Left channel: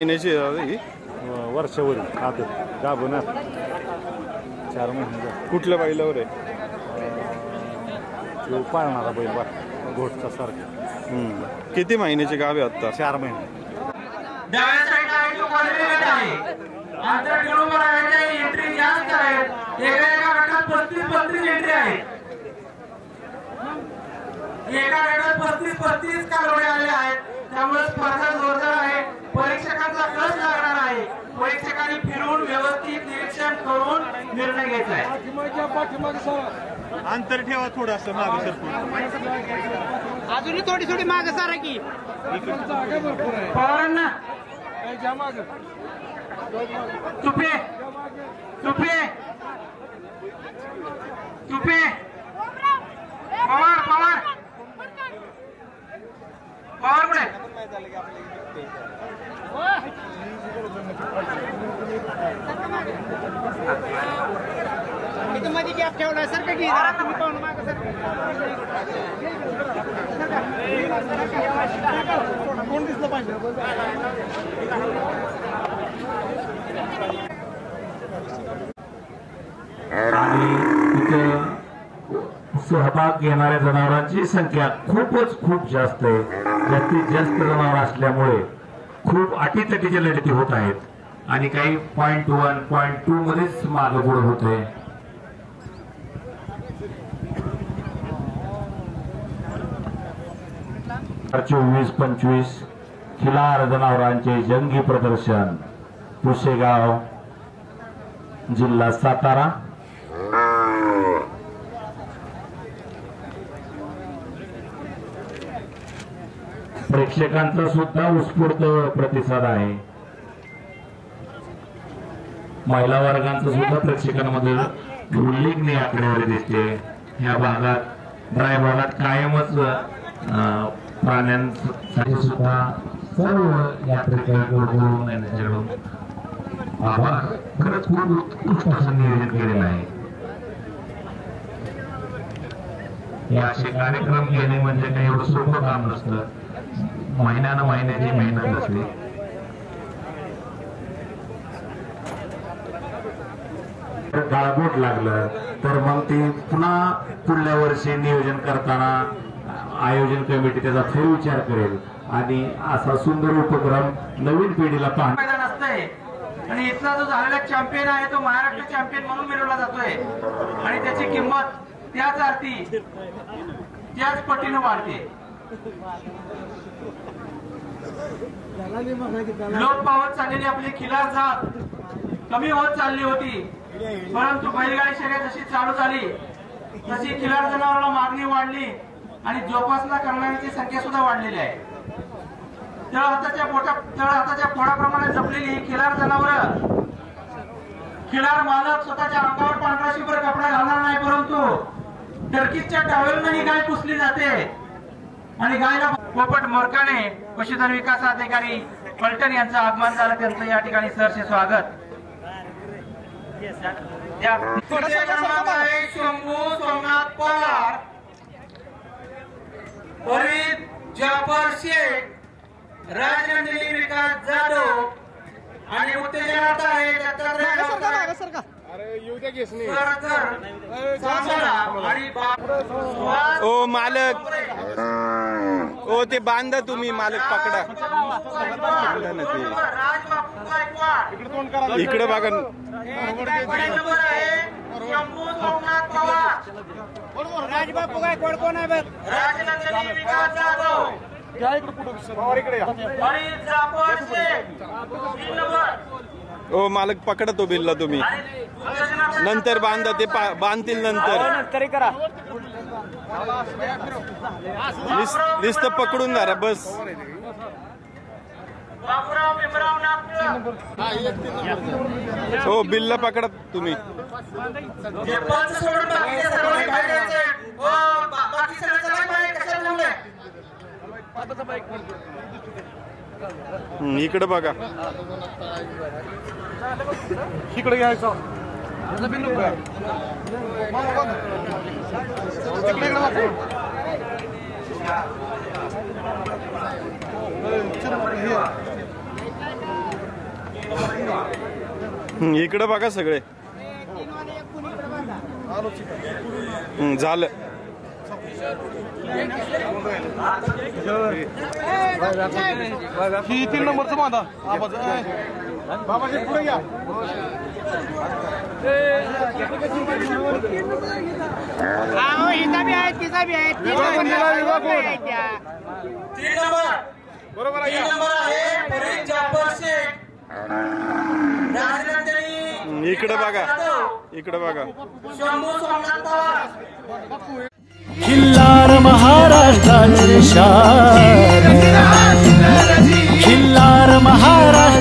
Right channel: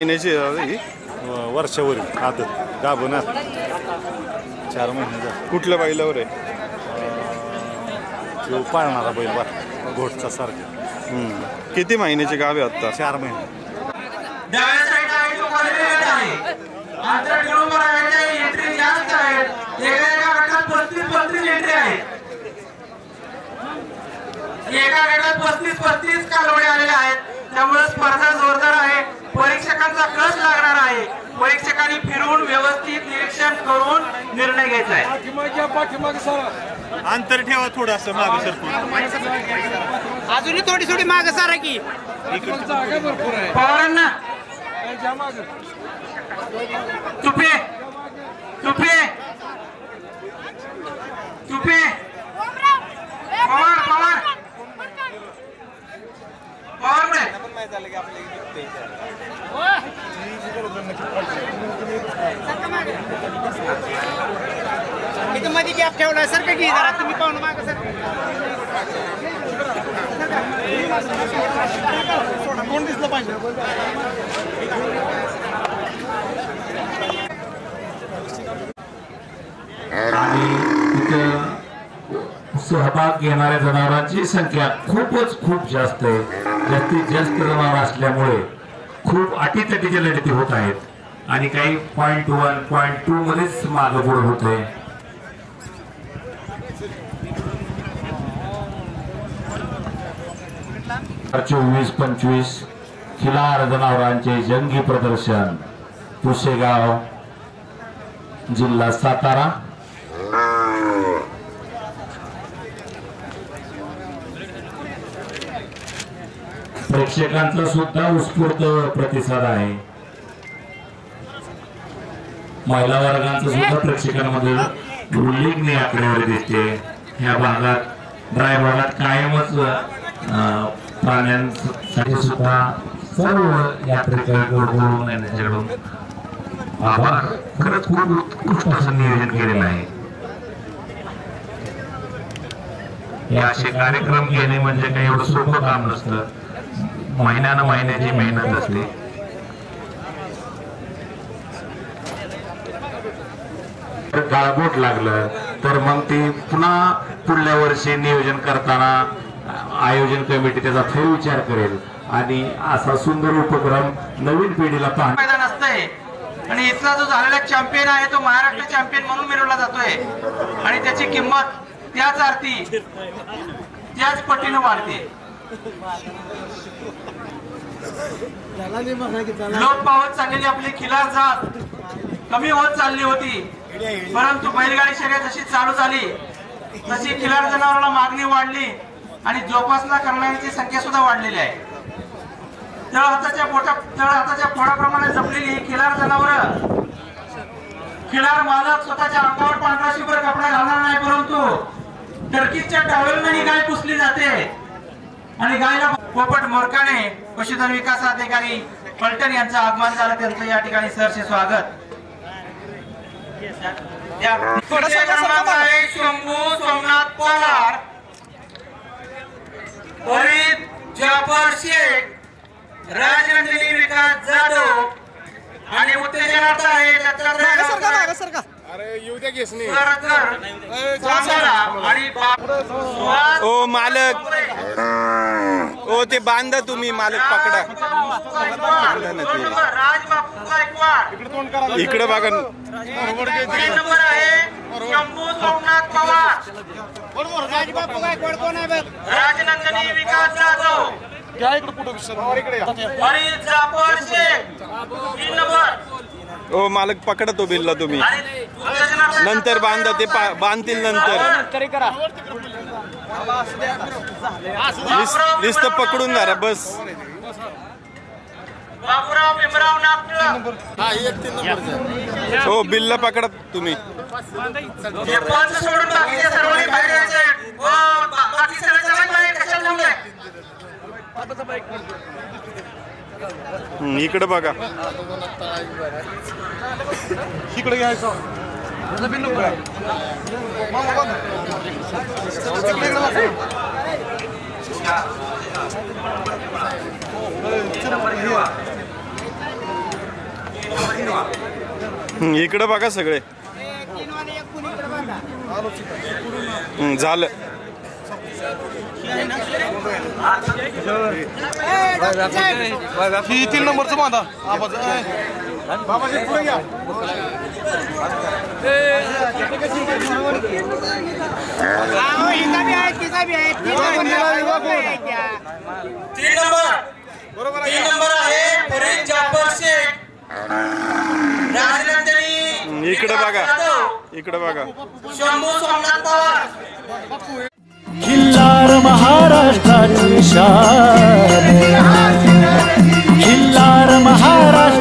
महिन्याची ही वर्षावर आदत गाभण 4 महिन्याचा. कुठल्या बैलावर आहे? तो पाळणारा बैल बा घोटचा सारखा. किती महिन्याची गाव आहे आता? 4 महिने. एका गटात 35 कालवडे आलेले आहेत. त्यामुळे स्पर्धा जोरदार आहे. परीक्षकांचा कस लागणार आहे. परीक्षकांनी फिरून व्यवस्थित निरीक्षण करून निर्णय घ्यायचा आहे. अंतर ठेवा थोडंसं मागे सरकून. अजूनही थोडी मागे सारा की पवारांना तुपे तुपे तुपे पवार पवार पवार पुढे इथं मध्ये गॅप ठेवला सर का की जरा तुम्ही पाहून मागं सर कोण दिसलं पाहिजे. आणि तिथं सहभाग घेणाऱ्या जनावरांची संख्या खूप जास्त आहे. जास्तीत जास्त जनावर असल्यामुळे खूप अटीतटीच्या लढती होत आहेत आणि काही .1 .2 मध्येच मागं पुढे होत आहे. .24 25 खिलार जनावरांचे जंगी प्रदर्शन पुसेगाव जिल्हा सातारा. प्रेक्षकांचा सुद्धा उत्स्फूर्त प्रतिसाद आहे. महिला वर्गांचा सुद्धा प्रेक्षकांमध्ये उल्लेखनीय आकडेवारी दिसते. या भागात ड्राय भागात कायमच प्राण्यांसाठी सुद्धा सर्व यात्रेकरी बोलून यांच्याकडून आभार. खरंच खूप उत्कृष्ट असं नियोजन केलेलं आहे. हे असे कार्यक्रम घेणे म्हणजे काही एवढं सोपं काम नसतं. महिन्याची मेहनत असते. गाळबोट लागलं तर मग ते पुन्हा पुढल्या वर्षी नियोजन करताना आयोजन कमिटी त्याचा फेरविचार करेल आणि असा सुंदर उपक्रम नवीन पिढीला मैदान असतंय. आणि इथला जो झालेला चॅम्पियन आहे तो महाराष्ट्र चॅम्पियन म्हणून मिळवला जातोय आणि त्याची किंमत त्याच अर्थी त्याच पटीने वाढते. लोप पावत चाललेली आपली खिलार जात कमी होत चालली होती. परंतु बैलगाडी शर्यत जशी चालू झाली तशी खिलार जनावराला मागणी वाढली आणि जोपासना करणाऱ्यांची संख्या सुद्धा वाढलेली आहे. तळ हाताच्या फोडाप्रमाणे जपलेली ही खिलार जनावर खिलार मालक स्वतःच्या अंगावर पांढरा शुभ्र कपडा घालणार नाही, परंतु टर्कीच्या टॉवेलने ही गाय पुसली जाते आणि गायला पोपट मोरकाने पशुधन विकास अधिकारी पलटण यांचं आगमन झालं. त्यांचं या ठिकाणी सहर्ष स्वागत. शंभू सोमनाथ पवार, फरीद जाफर शेख, राजनंदिनी विकास जाधव आणि उत्तेजनार्थ आहे ओ मालक, ओ ते बांधा तुम्ही, मालक पकडा. इकडे बघा. शंभू सोमनाथ पवार, राजनंदिनी विकास जाधव, फरीद जाफर शेख 3 नंबर. ओ मालक पकडा तो बिल्ला तुम्ही. नंतर बांधा, ते बांधतील नंतर. लिस्ट पकडून धरा बस. हो बिल्ला पकडा तुम्ही. इकडे बघा. इकडे घ्यायचं. इकडे बघा सगळे. झालं. ही 3 नंबरचं बांधा आवाज बाबाजी पुढे घ्या. तीन नंबर आहे फरीद जाफर शेख. इकडे बघा. इकडे बघा. शंभू सोमनाथ पवार. खिल्लार महाराष्ट्राची शान, खिल्लार महाराष्ट्र